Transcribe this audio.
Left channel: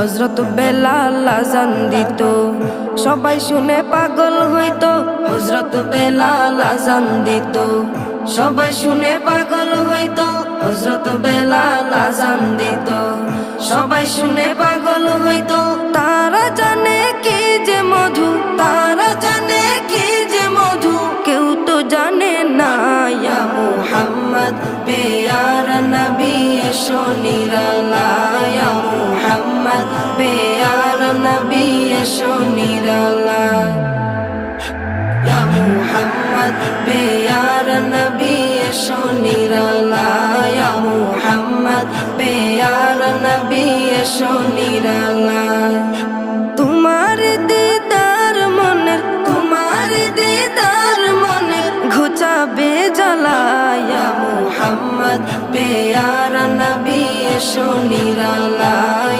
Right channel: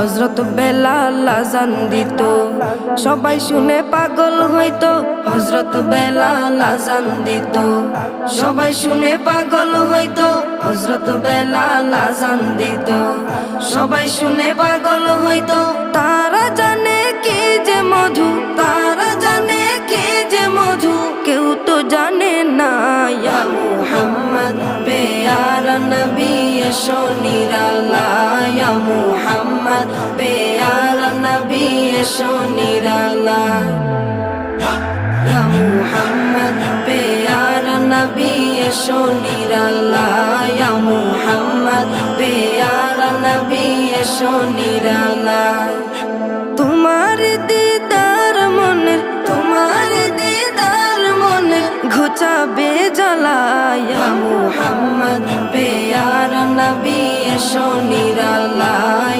হযরত বেলাল আযান দিত, সবাই শুনে পাগল হইতো। হযরত বেলাল আযান দিত, সবাই শুনে পাগল হইতো। হযরত বেলাল আযান দিত, সবাই শুনে পাগল হইতো। তারা জানে কি যে মধু, তারা জানে কি যে মধু, কেউ তো জানে না। ইয়া মুহাম্মদ পেয়ারা নবী এসো নিরালায়, ইয়া মুহাম্মদ পেয়ারা নবী এসো নিরালায়, ইয়া মুহাম্মদ পেয়ারা নবী এসো নিরালায়, ইয়া মুহাম্মদ পেয়ারা নবী এসো নিরালায়। তোমার দিদার মনের, তোমার দিদার মনের ঘুচাবে জ্বালায়, ইয়া মুহাম্মদ পেয়ারা নবী এসো নিরালায়।